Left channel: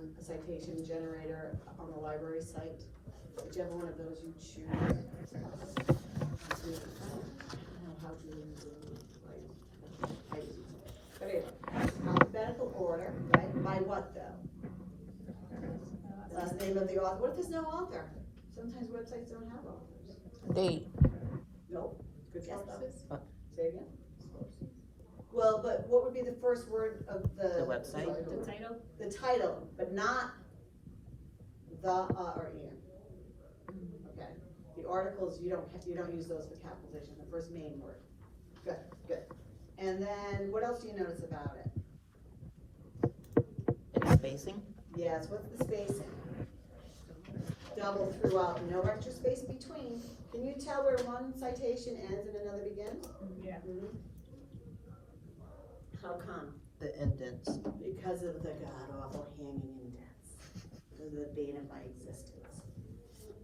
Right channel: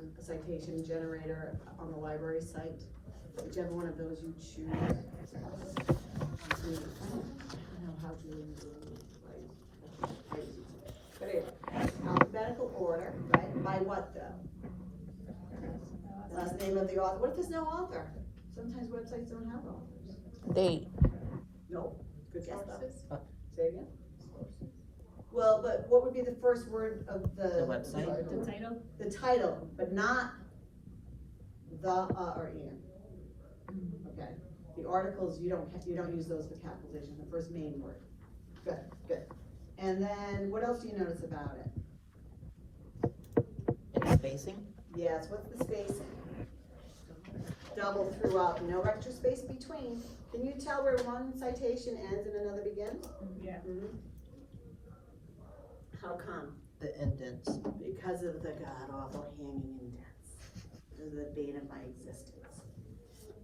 run a citation generator on the library site. Whichever one of those you choose. I don't know how to use it. But anyway, alphabetical order, right? By what though? Last name of the author. What if there's no author? Sometimes websites don't have authors. No. Good guess though. Say again. Well, but what would be the first word of the website? The title? The title, but not the or in. Okay. The articles you don't use those for capitalization. The first main word. Good, good. And then what else do you notice about it? It's spacing. Yes. What's the spacing? Double throughout. No extra space between. Can you tell where one citation ends and another begins? Yeah. Mm-hmm. How come? The indents. Because of the god-awful hanging indents. Because of the bane of my existence.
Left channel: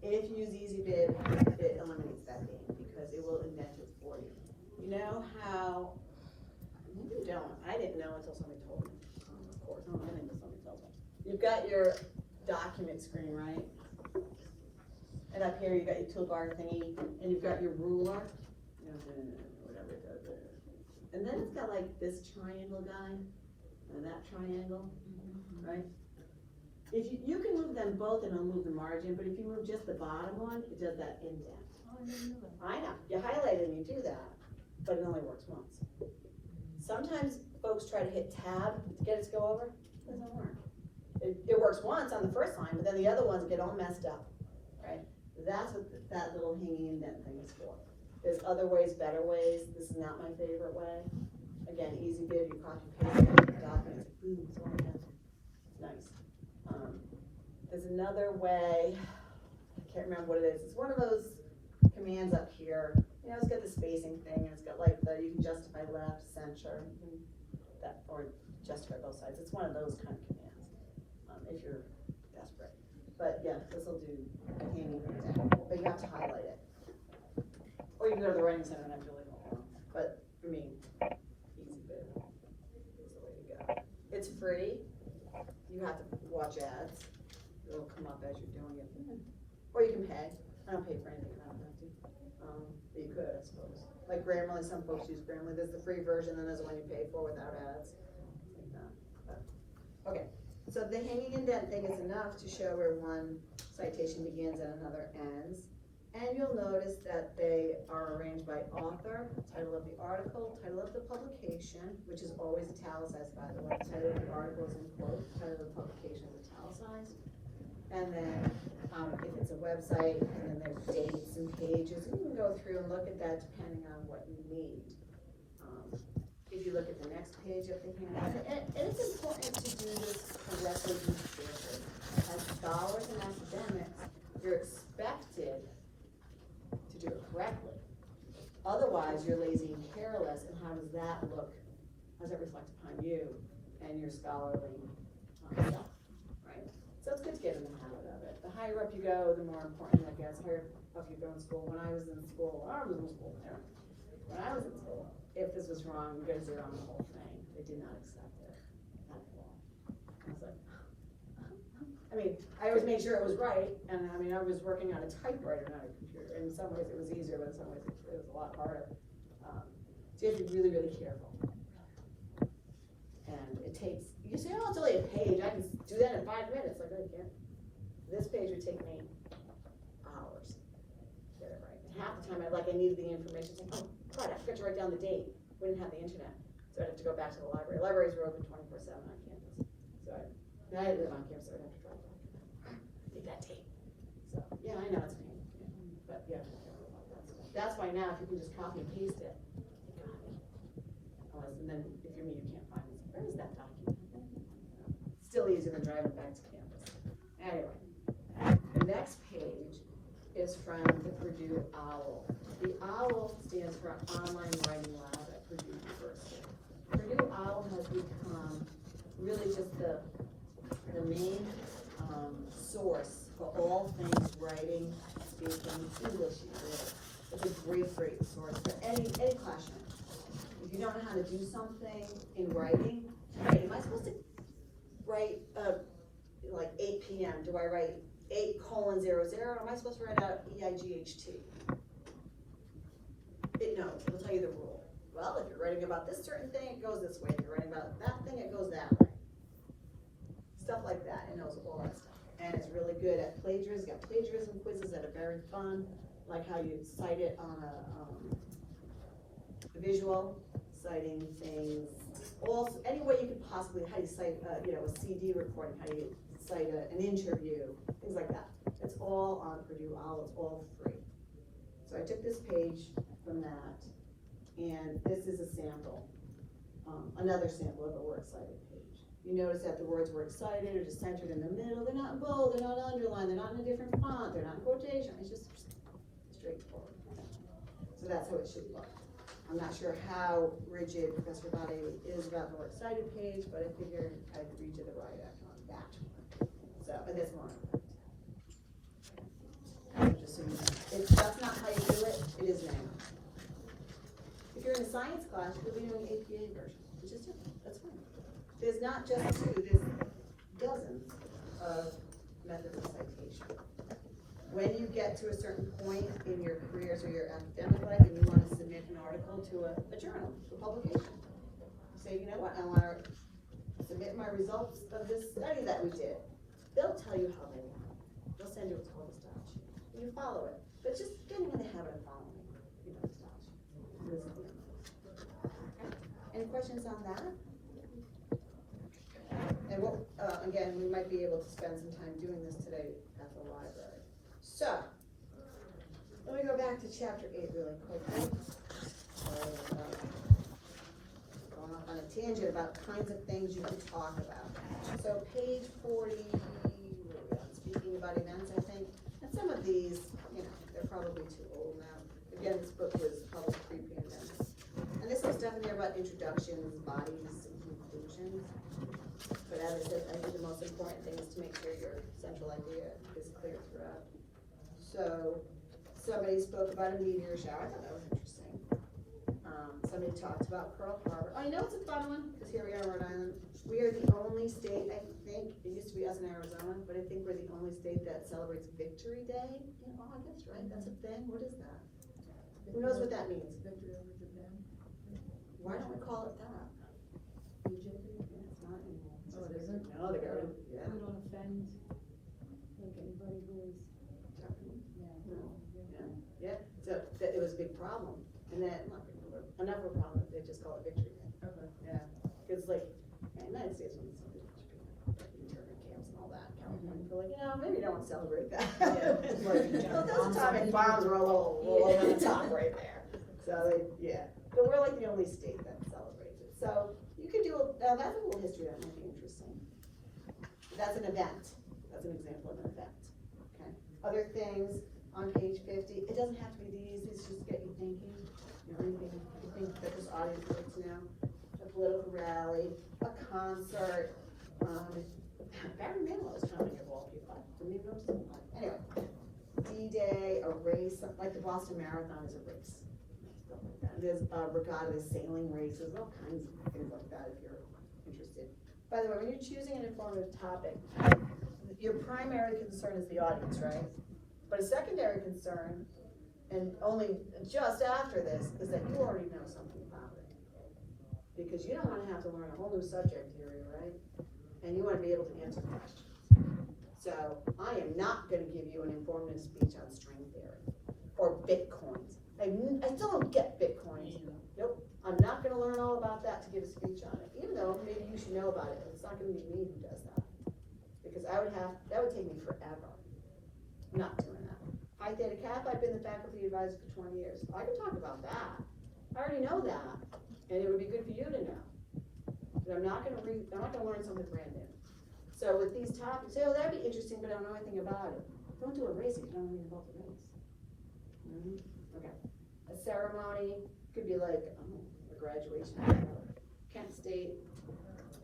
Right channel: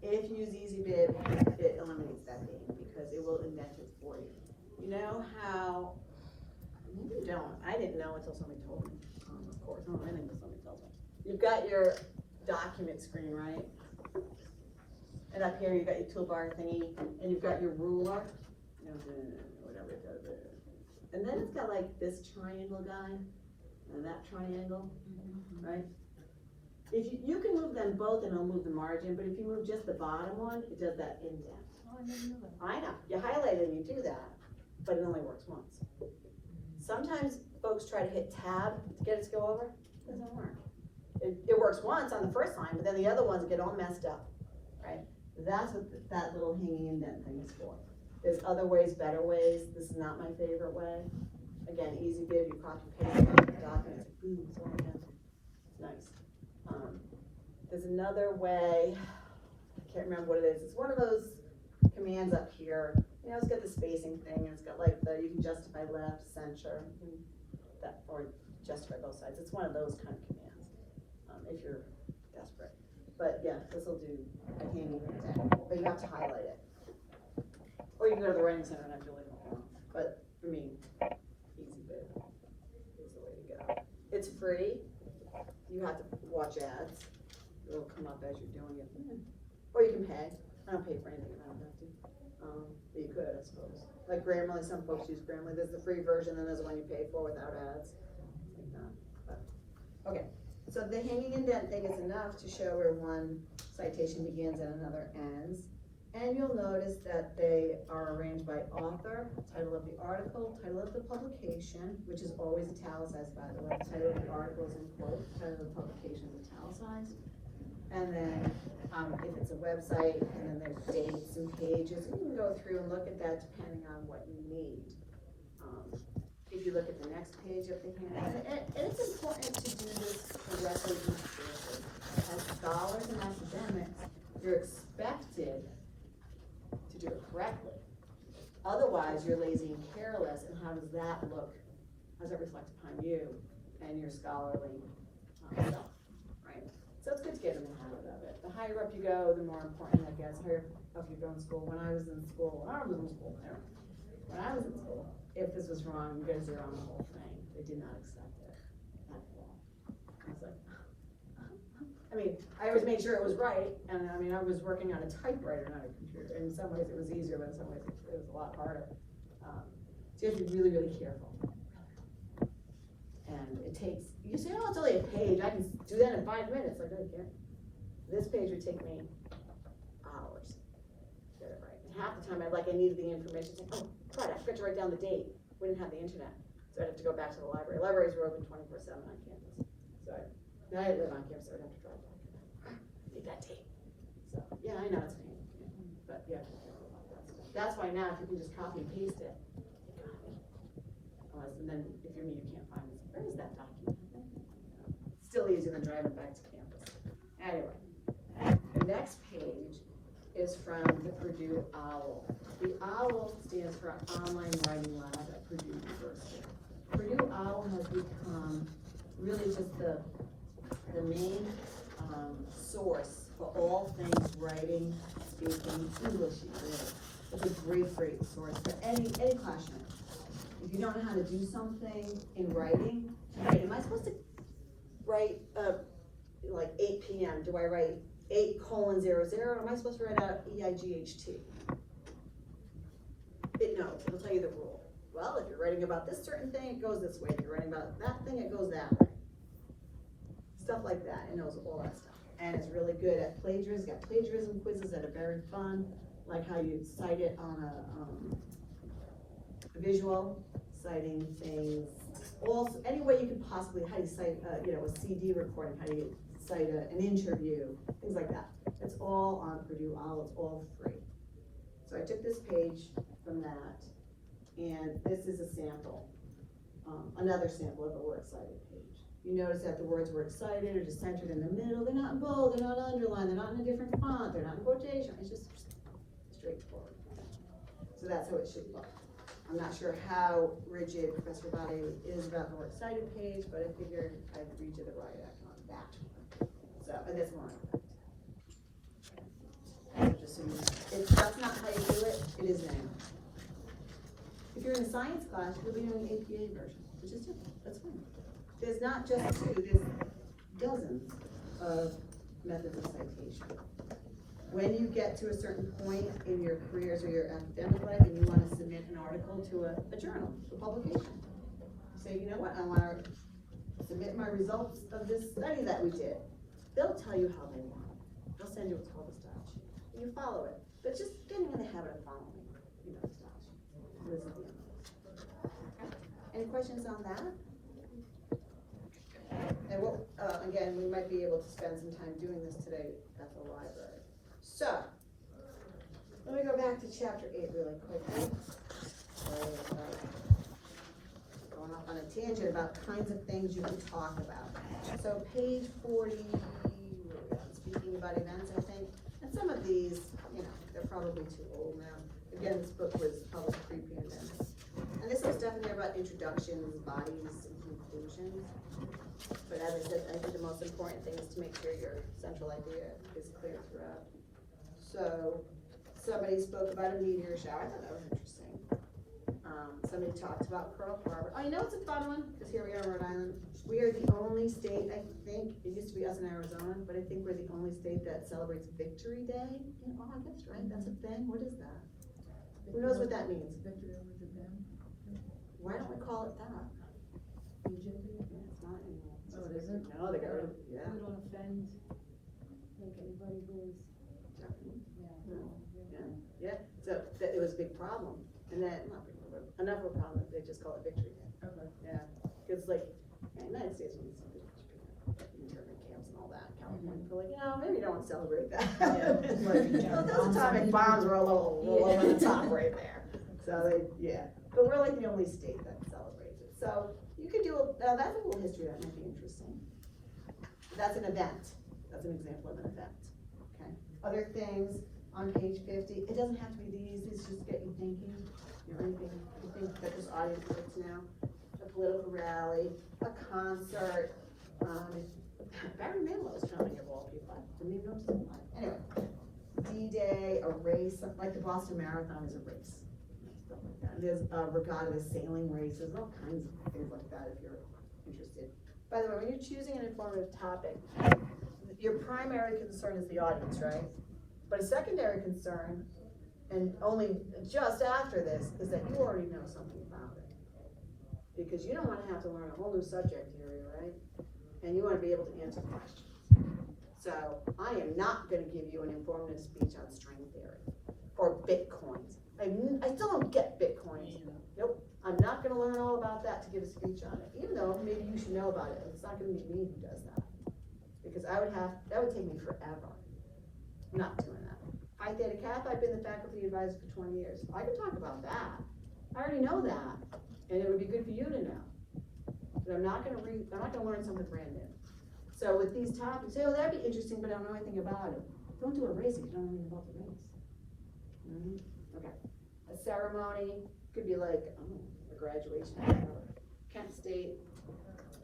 If you use EasyBib, it eliminates that bane because it will indent it for you. You know how, you don't, I didn't know until somebody told me, of course, I don't know anything until somebody tells me. You've got your document screen, right? And up here, you've got your toolbar thingy, and you've got your ruler, whatever it does there. And then it's got like this triangle guy, and that triangle, right? If you can move them both and it'll move the margin, but if you move just the bottom one, it does that indent. Oh, I didn't know that. I know, you highlight it and you do that, but it only works once. Sometimes folks try to hit tab to get it to go over, it doesn't work. It works once on the first line, but then the other ones get all messed up, right? That's what that little hanging indent thing is for. There's other ways, better ways. This is not my favorite way. Again, EasyBib, you copy paste documents. Ooh, it's all done. Nice. There's another way. I can't remember what it is. It's one of those commands up here. You know, it's got the spacing thing, and it's got like the you can justify left, center, that, or justify both sides. It's one of those kind of commands. If you're desperate. But yeah, this will do a hanging indent. But you have to highlight it. Or you can go to the writing center and I really don't know. But for me, EasyBib is the way to go. It's free. You have to watch ads. It'll come up as you're doing it. Or you can pay. I don't pay for anything, I don't have to. But you could, I suppose. Like Grammarly, some folks use Grammarly. There's the free version and there's the one you pay for without ads. Like that. But, okay. So the hanging indent thing is enough to show where one citation begins and another ends. And you'll notice that they are arranged by author, title of the article, title of the publication, which is always italicized, by the way. Title of the article is in quote, title of the publication is italicized. And then if it's a website, and then there's dates and pages, you can go through and look at that depending on what you need. If you look at the next page up here, and it's important to do this correctly each year. As scholars and academics, you're expected to do it correctly. Otherwise, you're lazy and careless, and how does that look? How does that reflect upon you and your scholarly self, right? So it's good to get in the habit of it. The higher up you go, the more important that gets. The higher up you go in school. When I was in school there. When I was in school, if this was wrong, you get a zero on the whole thing. They did not accept it at all. I was like, I mean, I always made sure it was right, and I mean, I was working on a typewriter, not a computer. In some ways it was easier, but in some ways it was a lot harder. So you have to be really, really careful. And it takes, you say, oh, it's only a page, I can do that in 5 minutes. Like, I can't. This page would take me hours to get it right. And half the time I needed the information, like, oh, God, I forgot to write down the date. We didn't have the internet. So I'd have to go back to the library. Libraries were open 24/7 on campus. So I didn't live on campus, so I'd have to drive back. Need that tape. So yeah, I know it's me. But yeah, that's why now if you can just copy and paste it, and then if you're me, you can't find it. Where is that document? Still easier than driving back to campus. Anyway, the next page is from the Purdue Owl. The OWL stands for Online Writing Lab at Purdue University. Purdue Owl has become really just the main source for all things writing, speaking, English, really. It's a great, great source for any classroom. If you don't know how to do something in writing, right, am I supposed to write like 8 p.m., do I write 8:00, or am I supposed to write out EIGHT? It knows, it'll tell you the rule. Well, if you're writing about this certain thing, it goes this way. If you're writing about that thing, it goes that way. Stuff like that, it knows all that stuff. And it's really good at plagiarism. Got plagiarism quizzes that are very fun, like how you cite it on a visual, citing things, any way you could possibly, how you cite, a CD recording, how you cite an interview, things like that. It's all on Purdue Owl, it's all free. So I took this page from that, and this is a sample, another sample of a works cited page. You notice that the words works cited are just centered in the middle. They're not in bold, they're not underlined, they're not in a different font, they're not in quotation. It's just straightforward. So that's how it should look. I'm not sure how rigid Professor Bade is about the works cited page, but I figured I'd read you the right act on that. So, and this one. That's not how you do it, it is now. If you're in a science class, you're doing the APA version, which is different, that's fine. There's not just two, there's dozens of methods of citation. When you get to a certain point in your careers or your academic life and you want to submit an article to a journal, a publication, say, you know what, I want to submit my results of this study that we did. They'll tell you how they want it. They'll send you what's called a style sheet. You follow it, but just getting in the habit of following it, the style sheet. Any questions on that? And we'll, again, we might be able to spend some time doing this today at the library. So, let me go back to chapter 8 really quickly. Going off on a tangent about kinds of things you can talk about. So page 40, speaking about events, I think. And some of these, they're probably too old now. Again, this book was published pre-pandemic. And this is definitely about introductions, bodies, and conclusions. But as I said, I think the most important thing is to make sure your central idea is clear throughout. So, somebody spoke about a meteor shower. I thought that was interesting. Somebody talked about Pearl Harbor. Oh, you know it's a fun one? Because here we are in Rhode Island. We are the only state, I think, it used to be us in Arizona, but I think we're the only state that celebrates Victory Day in August, right? That's a thing? What is that? Who knows what that means? Victory over Japan. Why don't we call it that? Egypt. Yeah, it's not anymore. Oh, it isn't? No, they got it. Yeah. We don't offend, like, anybody who is. Yeah, so that it was a big problem, and then enough of a problem that they just call it Victory Day. Okay. Yeah, it's like the United States when internment camps and all that. California, like, maybe you don't want to celebrate that. Those atomic bombs were a little over the top right there. So but we're like the only state that celebrates it. So you could do that's a little history that might be interesting. That's an event. That's an example of an event. Okay. Other things. On page 50, it doesn't have to be these, it's just get you thinking. Anything you think that this audience likes now. A political rally, a concert, Barry Manilow is coming of all people. Anyway, D-Day, a race, like the Boston Marathon is a race. Stuff like that. There's regatta, sailing races, all kinds of things like that if you're interested. By the way, when you're choosing an informative topic, your primary concern is the audience, right? But a secondary concern, and only just after this, is that you already know something about it. Because you don't want to have to learn a whole new subject area, right? And you want to be able to answer questions. So, I am not going to give you an informative speech on string theory or Bitcoins. I still don't get Bitcoins. Nope. I'm not going to learn all about that to give a speech on it. Even though maybe you should know about it, but it's not going to be me who does that. Because that would take me forever. I'm not doing that. Pi Theta Kappa, I've been the faculty advisor for 20 years. I can talk about that. I already know that, and it would be good for you to know. But I'm not going to learn something brand new. So with these topics, say, oh, that'd be interesting, but I don't know anything about it. Don't do a race if you don't know anything about the race. Okay. A ceremony could be like a graduation. Kent State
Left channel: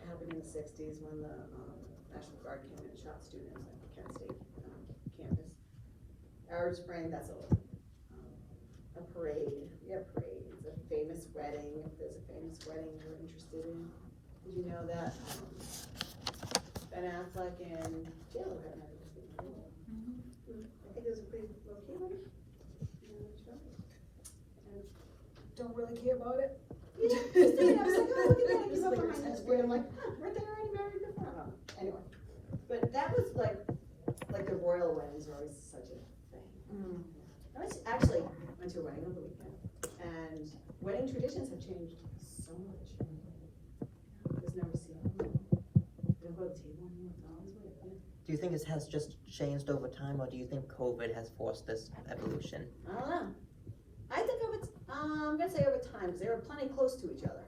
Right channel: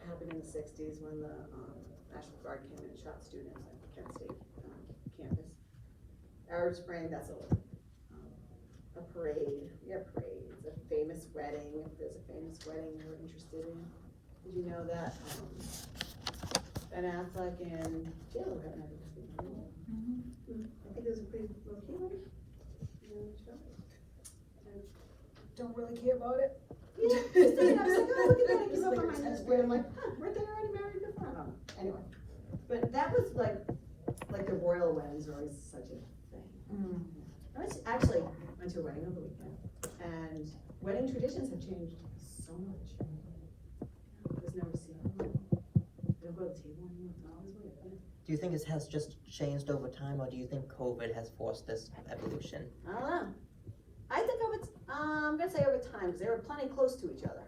happened in the 60s when the National Guard came in and shot students at Kent State campus. Arab Spring, that's a parade. We have parades. A famous wedding. If there's a famous wedding you're interested in, did you know that Ben Affleck and Jill were having this weekend. I think it was a pretty low key, right? Don't really care about it. Yeah, I was like, oh, look at that, he's up on my Instagram, I'm like, huh, weren't they already married? Good for them. Anyway, but that was like the royal weddings are always such a thing. I was actually went to a wedding over the weekend, and wedding traditions have changed so much. I was never seen them. They'll go to the table and Do you think it has just changed over time, or do you think COVID has forced this evolution? I don't know. I think I'm gonna say over time, because they were plenty close to each other,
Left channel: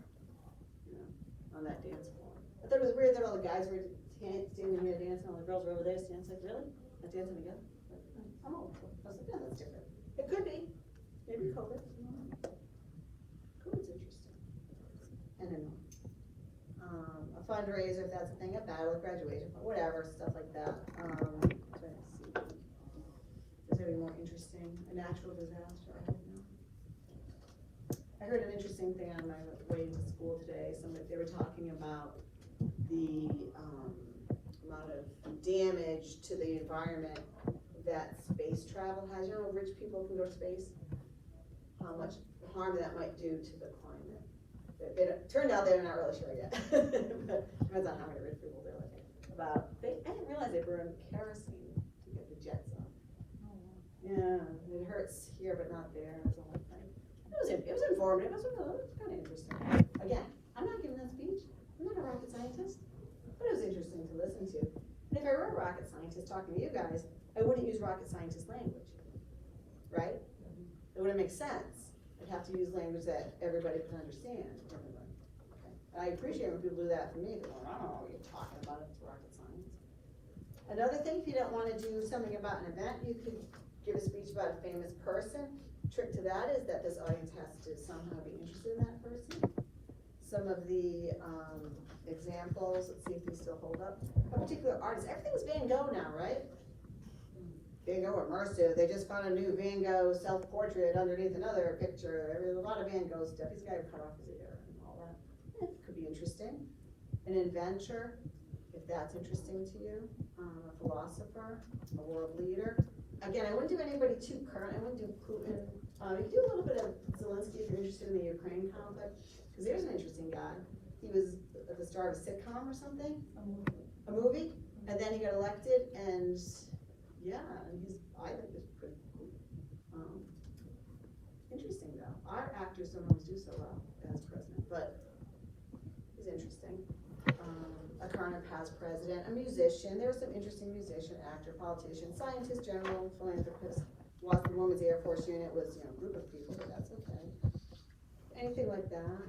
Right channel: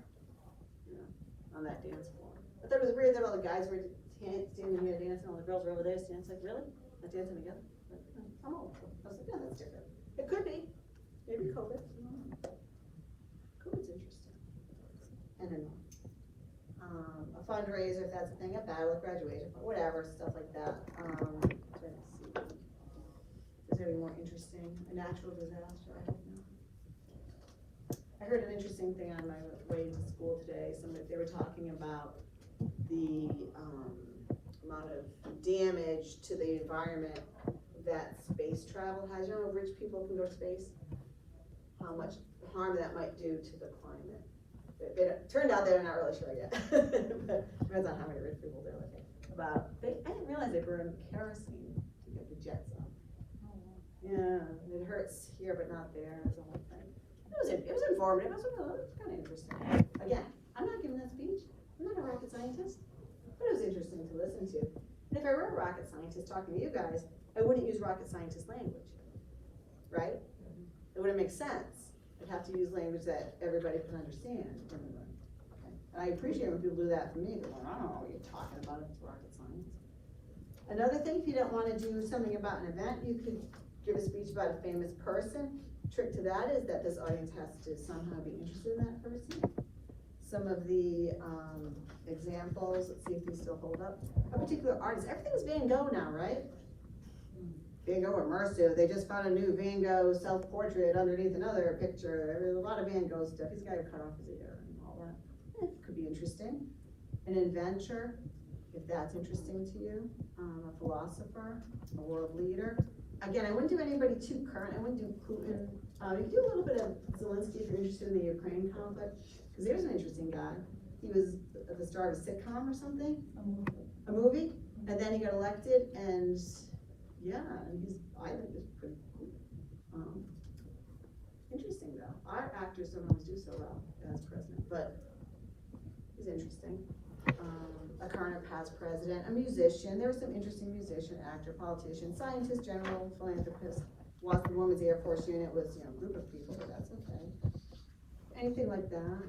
you know, on that dance floor. I thought it was weird that all the guys were standing there dancing, all the girls were over there dancing. Like, really? They're dancing together? Like, oh, I was like, yeah, that's different. It could be. Maybe COVID. COVID's interesting. I don't know. A fundraiser, if that's a thing, a battle, graduation, whatever, stuff like that. Let's see. Is there any more interesting? A natural disaster, I don't know. I heard an interesting thing on my way to school today. They were talking about the amount of damage to the environment that space travel has. You know, rich people can go to space. How much harm that might do to the climate. Turned out they're not really sure yet. But depends on how many rich people they're looking about. I didn't realize they burned kerosene to get the jets up. Yeah, it hurts here but not there. It's a whole thing. It was informative. It was kind of interesting. Again, I'm not giving that speech. I'm not a rocket scientist, but it was interesting to listen to. And if I were a rocket scientist talking to you guys, I wouldn't use rocket scientist language, right? It wouldn't make sense. I'd have to use language that everybody can understand. Okay. I appreciate when people do that for me, but I don't know what you're talking about if it's rocket science. Another thing, if you don't want to do something about an event, you could give a speech about a famous person. Trick to that is that this audience has to somehow be interested in that person. Some of the examples, let's see if these still hold up. A particular artist, everything's Van Gogh now, right? Van Gogh immersive, they just found a new Van Gogh self-portrait underneath another picture. There's a lot of Van Gogh stuff. He's got to cut off his ear and all that. Yeah, could be interesting. An inventor, if that's interesting to you. A philosopher, a world leader. Again, I wouldn't do anybody too current. I wouldn't do Putin. You do a little bit of Zelensky if you're interested in the Ukraine conflict, because there's an interesting guy. He was at the star of a sitcom or something, a movie, and then he got elected, and yeah, I think he's pretty cool. Interesting though. Our actors don't always do so well as president, but he's interesting. A current or past president, a musician. There was some interesting musician, actor, politician, scientist, general, philanthropist. Lost the Women's Air Force unit was, a group of people, but that's okay. Anything like that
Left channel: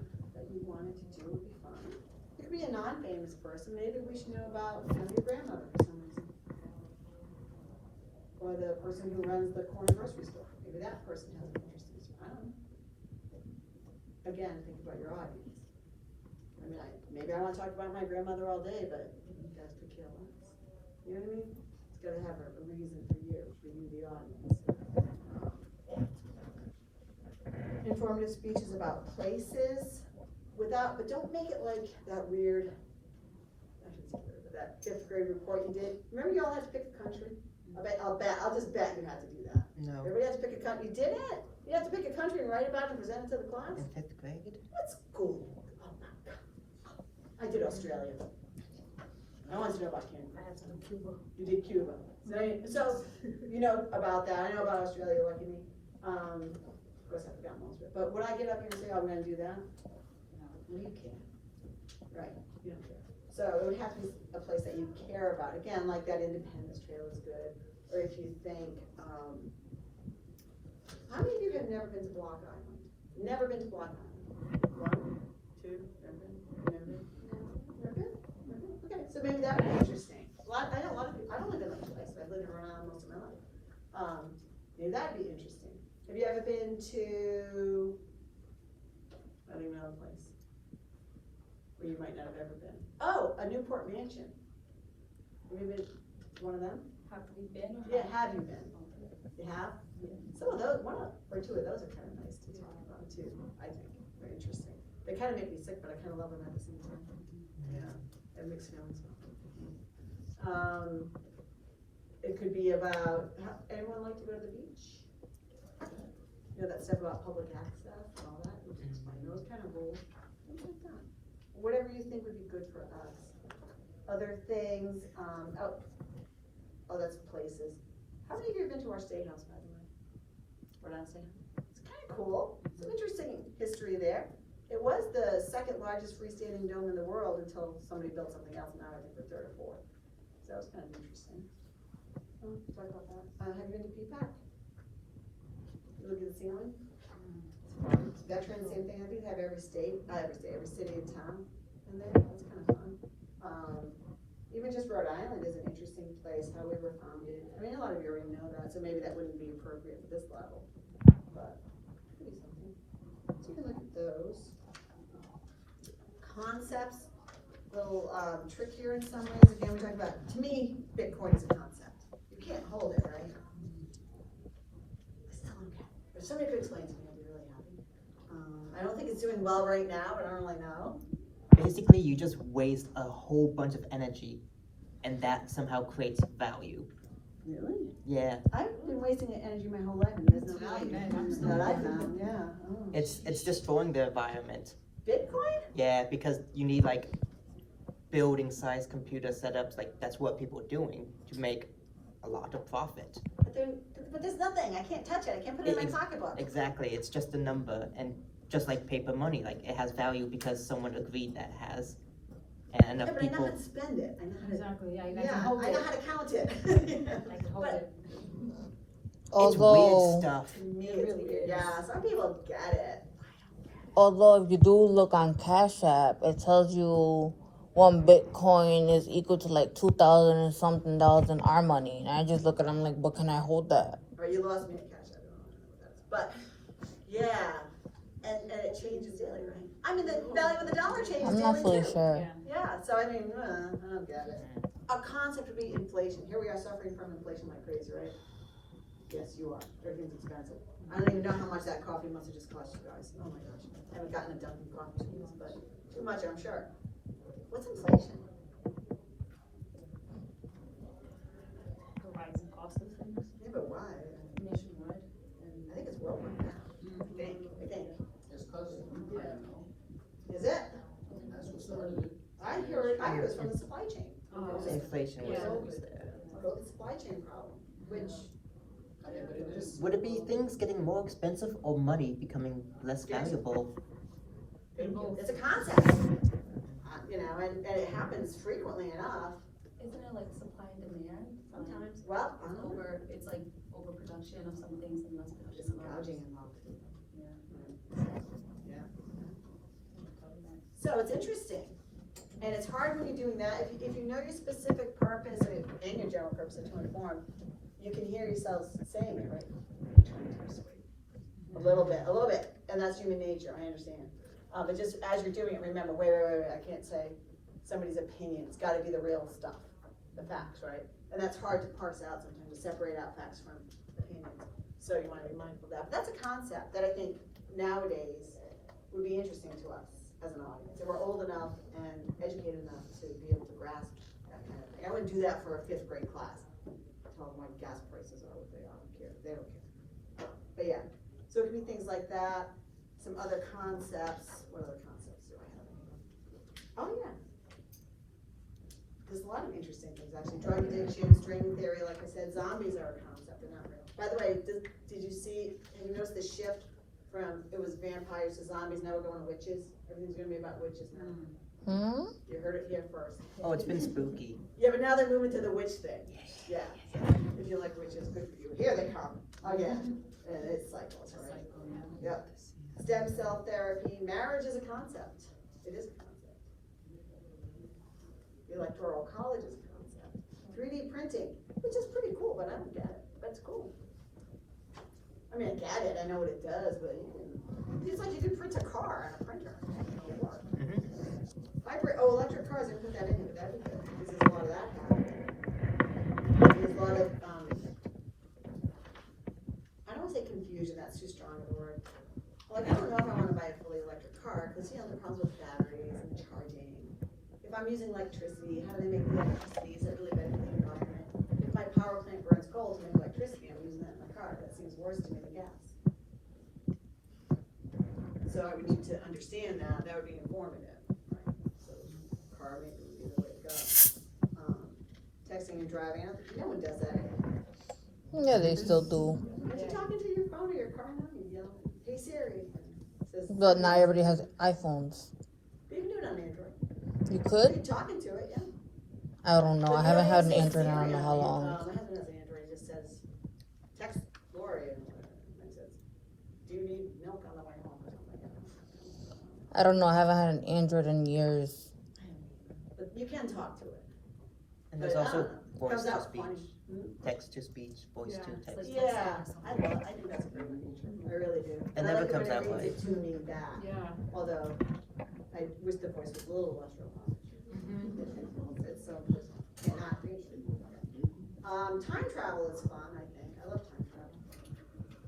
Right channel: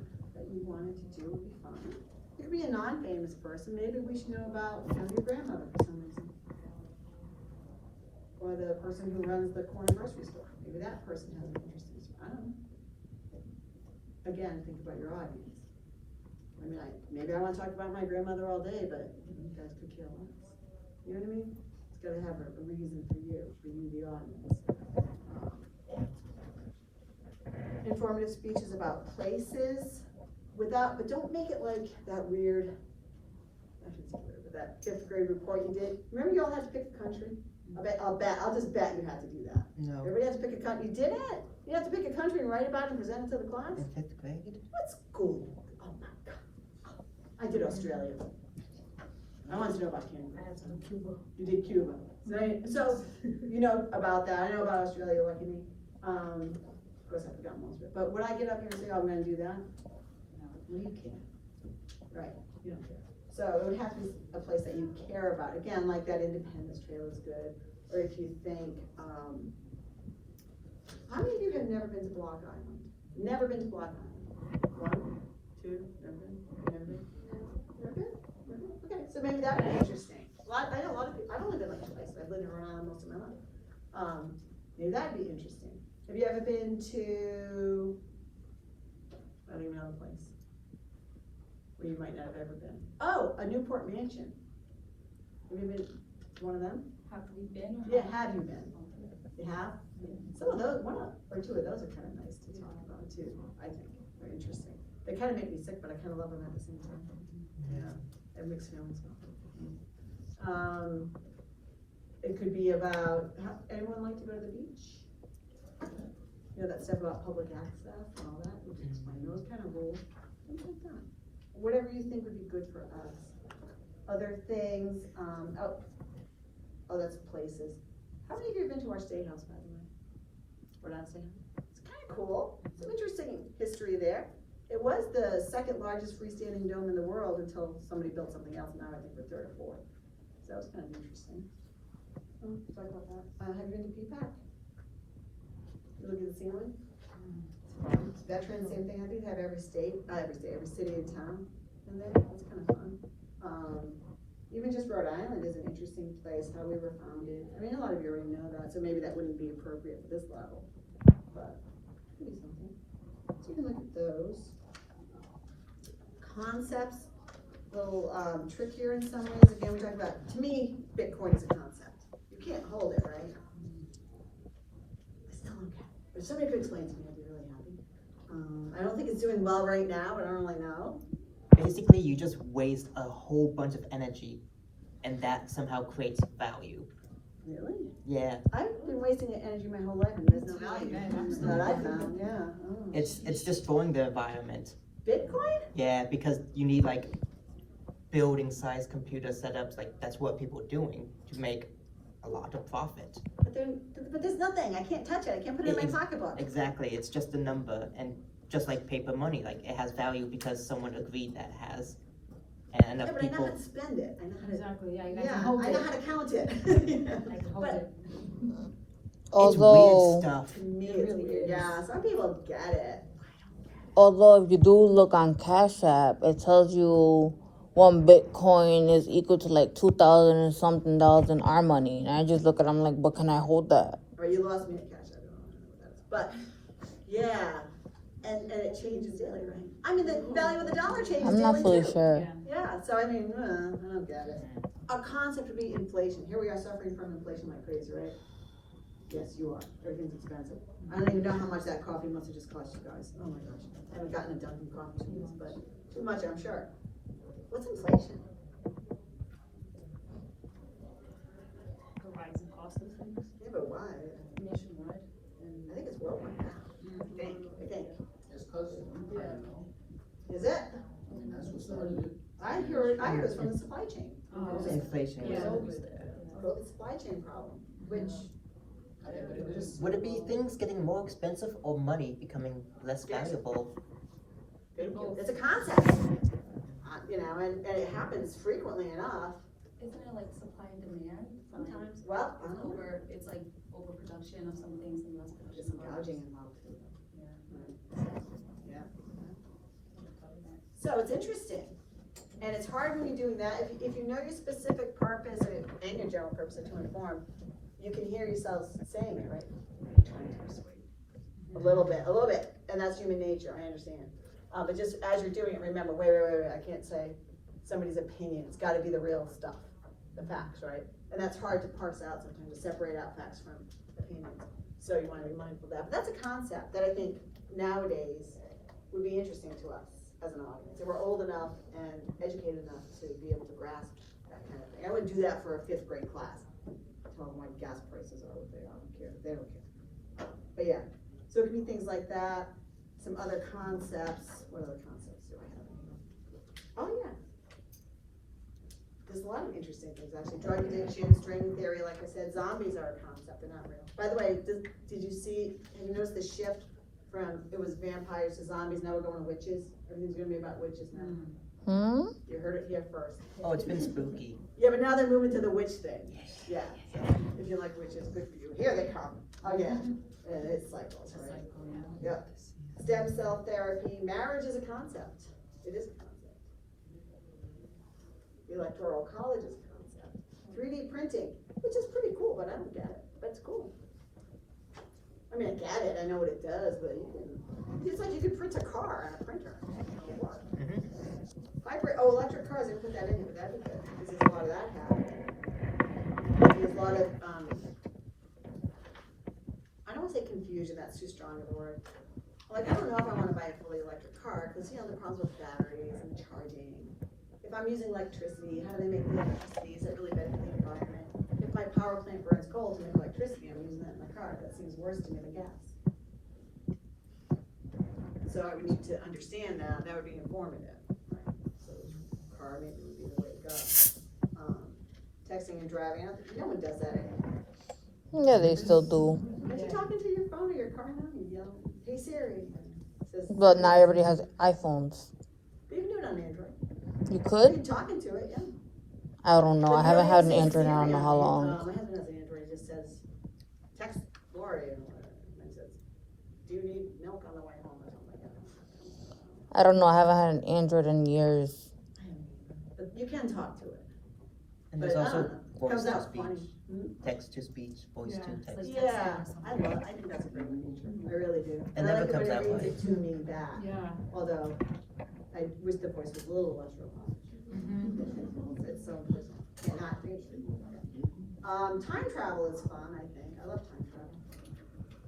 you wanted to do would be fine. It could be a non-famous person. Maybe we should know about your grandmother for some reason. Or the person who runs the corner grocery store. Maybe that person has an interesting story. I don't know. Again, think about your audience. I mean, maybe I want to talk about my grandmother all day, but you guys could care less. You know what I mean? It's got to have a reason for you, the audience. Informative speeches about places, but don't make it like that weird, I shouldn't say weird, but that 5th grade report you did. Remember you all had to pick a country? I'll just bet you had to do that. No. Everybody had to pick a country. You did it? You had to pick a country and write about it and present it to the class? In 5th grade? What's cool? Oh my God. I did Australia. I wanted to know about Canada. I have some Cuba. You did Cuba. So you know about that. I know about Australia, lucky me. Of course I forgot most of it. But would I get up here and say, I'm gonna do that? No, you can't. Right, you don't care. So it would have to be a place that you care about. Again, like that Independence Trail is good. Or if you think, how many of you have never been to Block Island? Never been to Block Island? 1, 2, never been? Okay, so maybe that would be interesting. I know a lot of people, I've only been like twice, I've lived in Rhode Island most of my life. Maybe that'd be interesting. Have you ever been to, I don't even know the place, where you might not have ever been? Oh, a Newport Mansion. Have you been to one of them? Have we been? Yeah, have you been? You have? Some of those, one or two of those are kind of nice to talk about too, I think. They're interesting. They kind of make me sick, but I kind of love them at the same time. Yeah, I have mixed feelings about them. It could be about, anyone like to go to the beach? You know, that stuff about public access and all that, which is fine, those kind of rules, things like that. Whatever you think would be good for us. Other things, that's places. How many of you have been to our State House, by the way? Rhode Island State House? It's kind of cool, some interesting history there. It was the second largest freestanding dome in the world until somebody built something else, and now I think we're third or fourth. So that was kind of interesting. Sorry about that. Have you been to PPAC? You look at the ceiling? Veterans, same thing, I think they have every state, not every state, every city and town. And then, that's kind of fun. Even just Rhode Island is an interesting place, how we were founded. I mean, a lot of you already know that, so maybe that wouldn't be appropriate for this level, but it could be something. So you can look at those. Concepts, a little trickier in some ways. Again, we're talking about, to me, Bitcoin is a concept. You can't hold it, right? I still don't get it. If somebody could explain to me, I'd be really happy. I don't think it's doing well right now, but I don't really know. Basically, you just waste a whole bunch of energy, and that somehow creates value. Really? Yeah. I've been wasting energy my whole life and there's no value. That's what I found, yeah. It's destroying the environment. Bitcoin? Yeah, because you need like building-sized computer setups. Like that's what people are doing to make a lot of profit. But there's nothing. I can't touch it. I can't put it in my pocketbook. Exactly. It's just a number, and just like paper money, like it has value because someone agreed that it has. And Yeah, but I know how to spend it. I know how to. Exactly, yeah. I know how to count it. But Although, it's weird stuff. to me, it's weird. Yeah, some people get it. although if you do look on Cash App, it tells you 1 Bitcoin is equal to like 2,000 and something dollars in our money. And I just look at it, I'm like, but can I hold that? Or you lost me at cash. I don't know what that is. But yeah, and it changes daily, right? I mean, the value of the dollar changes I'm daily not fully too. sure. Yeah, so I mean, I don't get it. A concept would be inflation. Here we are suffering from inflation like crazy, right? Yes, you are. Everything's expensive. I don't even know how much that coffee must have just cost you guys. Oh my gosh. I haven't gotten a Dunkin' coffee cheese, but too much, I'm sure. What's inflation? The rising cost of things Yeah, but why? nationwide. I think it's worldwide now. I think. It's cause of Is it? that's what started it. I heard it's from the supply chain. Oh, Inflation was Yeah. always there. The supply chain problem, which, Would it be things getting more expensive or money becoming less valuable? it's a concept. You know, and it happens frequently enough. Isn't it like supply and demand sometimes? Well, I don't know. It's like overproduction of some things and less There's some production of gouging others. involved too. Yeah. Yeah. So it's interesting. And it's hard when you're doing that. If you know your specific purpose and your general purpose to inform, you can hear yourself saying it, right? A little bit. And that's human nature, I understand. But just as you're doing it, remember, wait, I can't say somebody's opinion. It's gotta be the real stuff, the facts, right? And that's hard to parse out sometimes, to separate out facts from opinions. So you wanna be mindful of that. But that's a concept that I think nowadays would be interesting to us as an audience. If we're old enough and educated enough to be able to grasp that kind of thing. I wouldn't do that for a 5th grade class. Tell them why gas prices are what they are. I don't care. They don't care. But yeah, so it could be things like that. Some other concepts. What other concepts do I have? Oh yeah. There's a lot of interesting things actually. Drug addiction, string theory, like I said, zombies are a concept, they're not real. By the way, did you see, have you noticed the shift from, it was vampires to zombies, now we're going to witches? Everything's gonna be about witches now. You heard it here first. Oh, it's been spooky. Yeah, but now they're moving to the witch thing. Yeah, so if you like witches, good for you. Here they come again. And it's cycles, right? Yep. Stem cell therapy, marriage is a concept. It is a concept. The electoral college is a concept. 3D printing, which is pretty cool, but I don't get it. But it's cool. I mean, I get it. I know what it does, but it's like you could print a car on a printer. Electric cars, I didn't put that in, but that'd be good. Because there's a lot of that happening. There's a lot of, I don't want to say confusion, that's too strong of a word. Like, I don't know if I want to buy a fully electric car, because, you know, the problems with batteries and charging. If I'm using electricity, how do they make the electricity? Is it really better than the government? If my power plant burns coal to make electricity, I'm using that in my car, that seems worse to me than gas. So I would need to understand that would be informative. So car maybe would be the way to go. Texting and driving, no one does that anymore. Yeah, they still do. But you're talking to your phone or your car now, you yell, hey Siri. Says, But not everybody has iPhones. you can do it on Android. You If could? you're talking to it, yeah. I don't know. I haven't had an Android in I don't know how long. My husband has an Android, it just says, text Gloria, and whatever, and it says, do you need milk on the way home or something like that? I don't know. I haven't had an Android in years. But you can talk to it. And there's But, also voice Comes to out speech, funny. text to speech, voice to text. Yeah, I think that's a good one, I really do. It never comes out right. right. To me back, Yeah. although, I wish the voice was a little less robotic. It's so personal. And acting. Time travel is fun, I think, I love time travel.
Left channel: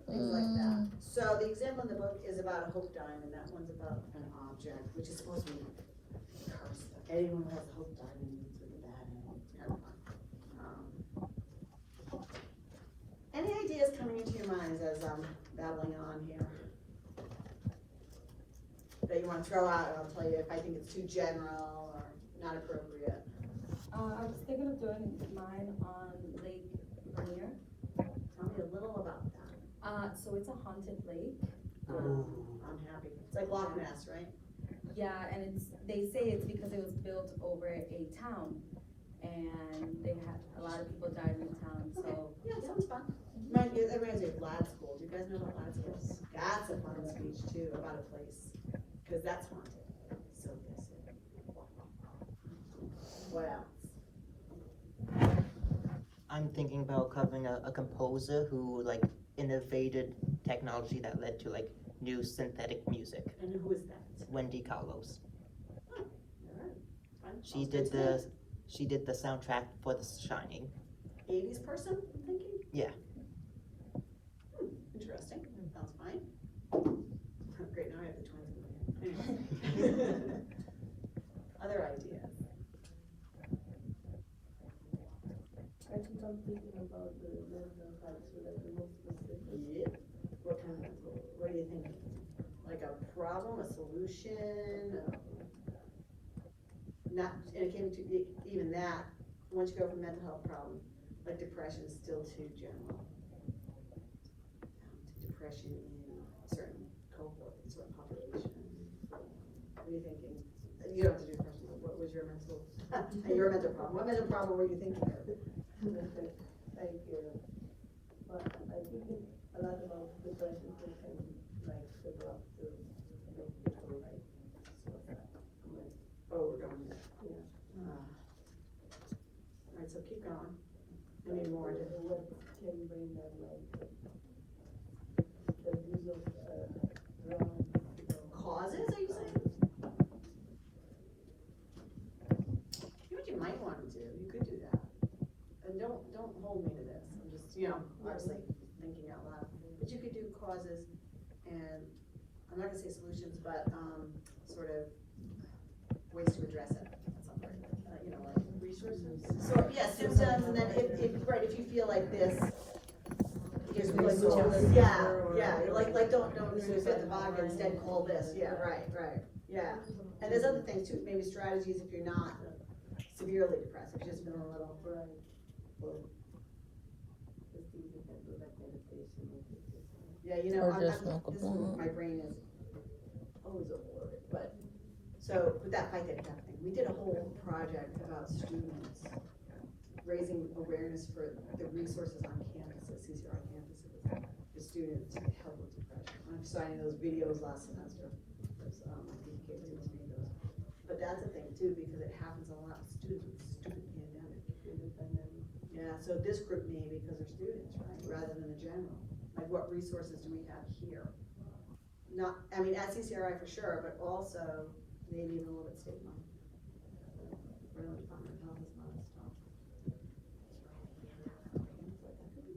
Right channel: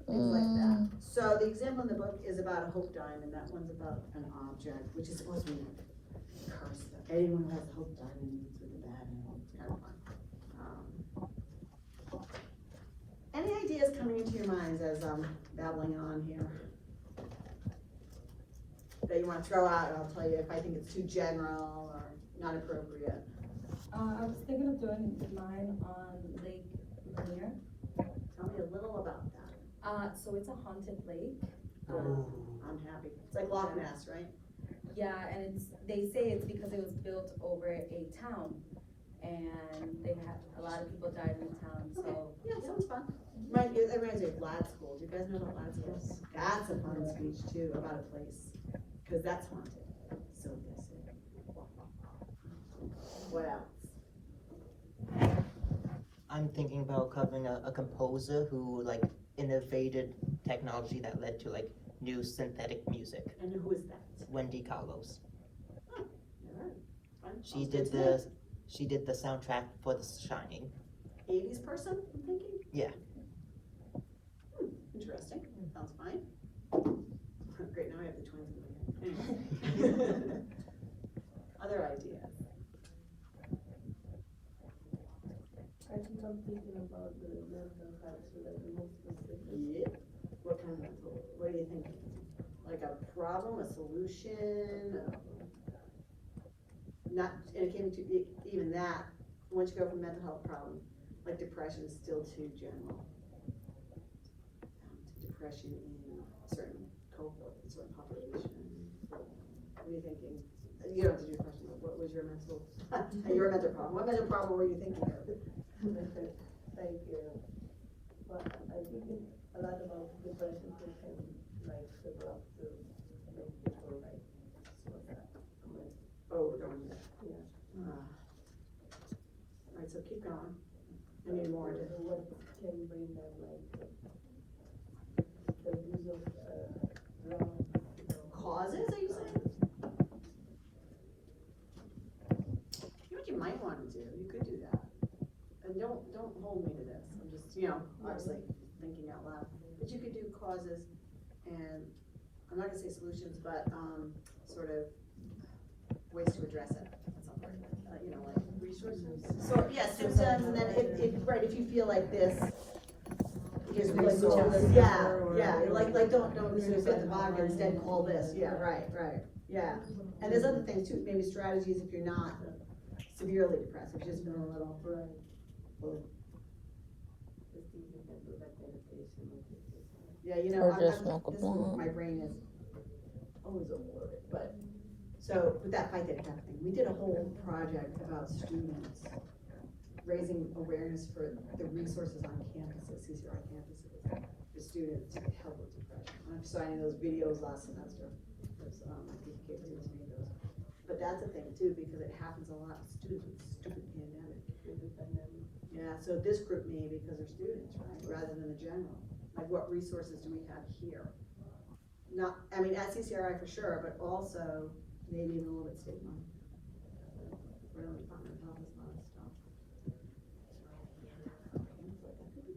Things like that. So the example in the book is about a hope diamond, that one's about an object, which is supposed to be a curse. Anyone who has a hope diamond is really bad, and it's kind of fun. Any ideas coming into your minds as I'm babbling on here? That you wanna throw out, and I'll tell you if I think it's too general or not appropriate. I was thinking of doing mine on Lake Lanier. Tell me a little about that. So it's a haunted lake. Ooh. I'm happy. It's like Loch Ness, right? Yeah, and they say it's because it was built over a town, and they had, a lot of people died in the town, so. Yeah, sounds fun. It reminds me of Glad School. Do you guys know about Glad School? That's a fun speech too, about a place. Cause that's haunted. So yes. What else? I'm thinking about covering a composer who like innovated technology that led to like new synthetic music. And who is that? Wendy Carlos. Alright, fun. She did the soundtrack for The Shining. 80s person, I'm thinking? Yeah. Interesting. Sounds fine. Great, now I have the twins in my head. Anyway. Other ideas? I think I'm thinking about the mental health, so that the most specific. Yeah. What kind of mental, what are you thinking? Like a problem, a solution? Not, and it came to, even that, once you go from mental health problem, like depression is still too general. Depression in a certain cohort, a certain population. What are you thinking? You don't have to do depression, but what was your mental, your mental problem? What mental problem were you thinking of? Like, but I think a lot about depression can like develop to make people like suicide. Oh, we're going there. Yeah. Alright, so keep going. I need more to. What can bring them like the use of drugs, Causes, are you saying? You know what you might wanna do? You could do that. And don't hold me to this. I'm just, obviously thinking out loud. But you could do causes and, I'm not gonna say solutions, but, sort of ways to address it. That's not very good. Like resources. So, yeah, symptoms, and then right, if you feel like this, here's the resource. Yeah, like don't spit the vodka, instead call this. Yeah, right, yeah. And there's other things too, maybe strategies if you're not severely depressed, if you've just been a little. Yeah, Or just smoke a blunt. my brain is always overloaded, but, so with that fight that kind of thing, we did a whole project about students raising awareness for the resources on campuses, CCRI campuses, for students to help with depression. I'm signing those videos last semester, those, kids in those videos. But that's a thing too, because it happens a lot with students, student pandemic. Yeah, so this group maybe because they're students, right, rather than the general. Like what resources do we have here? Not, I mean, at CCRI for sure, but also maybe in a little bit state level. Really, Department of Health is not stuff.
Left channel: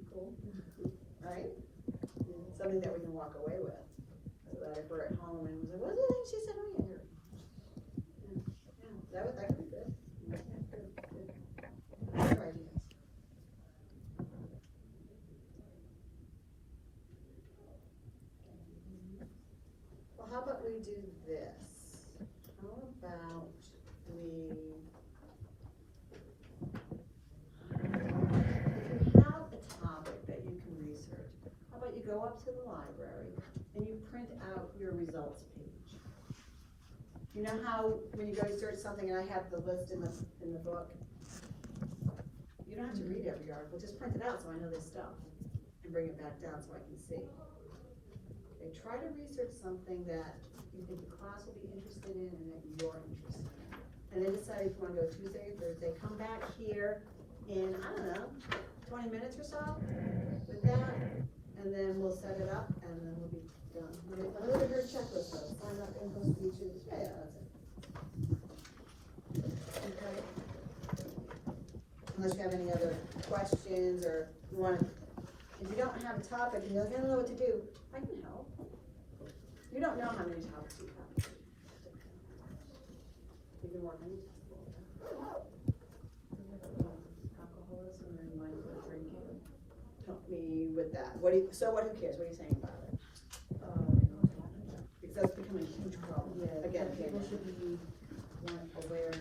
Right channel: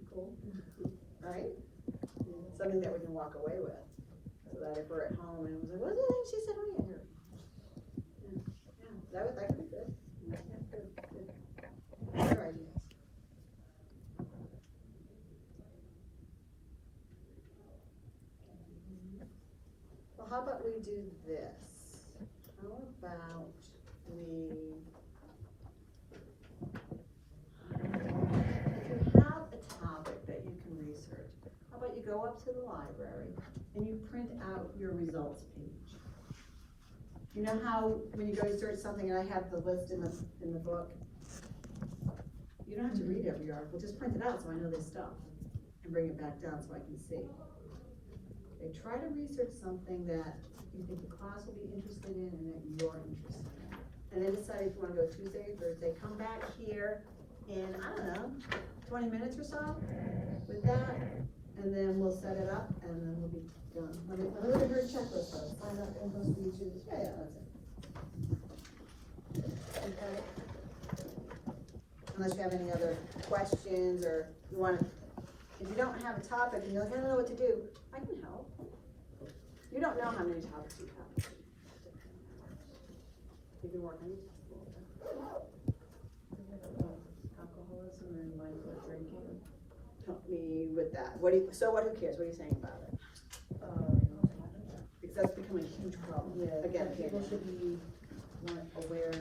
Cool. Right? Something that we can walk away with, so that if we're at home and we're like, what was the thing she said earlier? Yeah, that would be good. we do this? How about we, if you have a topic that you can research, how about you go up to the library and you print out your results page? You know how when you go to search something, I have the list in the book? You don't have to read every article, just print it out so I know this stuff and bring it back down so I can see. They try to research something that you think the class will be interested in and that you're interested in. And then decide if you wanna go Tuesday or Thursday, come back here in, I don't know, 20 minutes or so with that, and then we'll set it up and then we'll be done. Let me do a checklist though, find out info for you too. Yeah, that's it. Okay. Unless you have any other questions or you want, if you don't have a topic and you're like, I don't know what to do, I can help. You don't know how many topics you have. You can work on it. Alcoholism and mindful drinking. Help me with that. Who cares? What are you saying about it? Because that's becoming a huge problem. Yeah, Again, people should be more aware